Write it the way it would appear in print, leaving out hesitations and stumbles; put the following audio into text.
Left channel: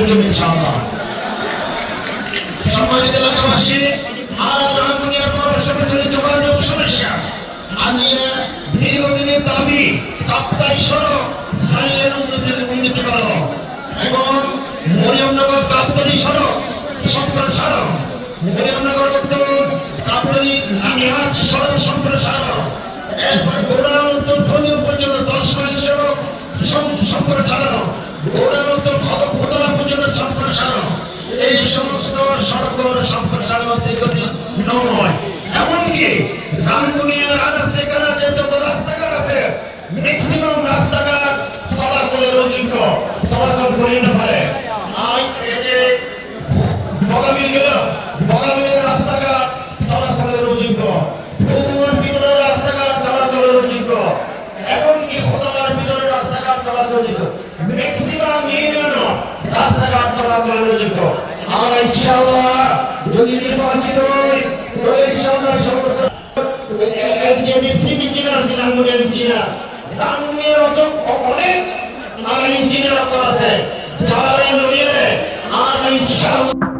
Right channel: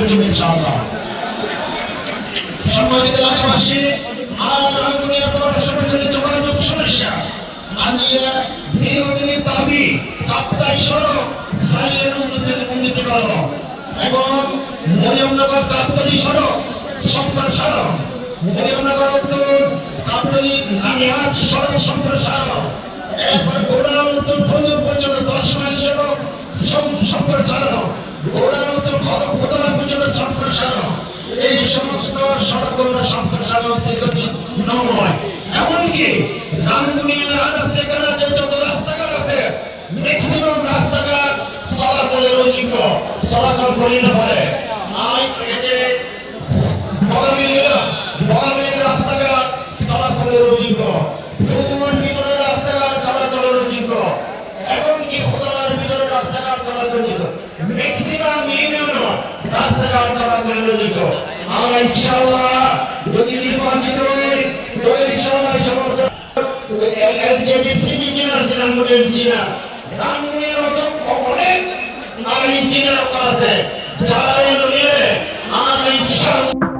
কাজের জন্য ইনশাআল্লাহ। সম্মানিত এলাকাবাসী, আর রাঙ্গুনিয়া পৌরসভার জন্য যোগাযোগ সমস্যা আজকে দীর্ঘদিনের দাবি কাপ্তাই সড়ক সাইয়ের উন্নতি করো এবং মরিয়মনগর কাপ্তাই সড়ক সম্প্রসারণ, মরিয়মনগর উত্তর কাপ্তাই লামিহাট সড়ক সম্প্রসারণ, এরপর গোড়া উত্তর ফজল পর্যন্ত 10 মাইল সড়ক সম্প্রসারণ, গোড়া উত্তর ঘটনা পর্যন্ত সম্প্রসারণ। এই সমস্ত সড়কের সম্প্রসারণ দীর্ঘদিন নয়। এমনকি রাঙ্গুনিয়ার আনাচে কানাচে যত রাস্তাঘাট আছে ম্যাক্সিমাম রাস্তাঘাট চলাচলের অযোগ্য, চলাচল করিয়ে না পারে। বগামিলের রাস্তাঘাট চলাচলের অযোগ্য, ফতুয়ার ভিতরের রাস্তাঘাট চলাচলের অযোগ্য, এমনকি ফতুয়ার ভিতরের রাস্তাঘাট চলাচলের ম্যাক্সিমাম রাস্তাঘাট চলাচলের অযোগ্য। আমরা ইনশাআল্লাহ যদি নির্বাচিত হই তাহলে ইনশাআল্লাহ এই সমস্ত রাঙ্গুনিয়ার অনেক ইঞ্জিনিয়ার আছে যারা ইঞ্জিনিয়ার আমরা ইনশাআল্লাহ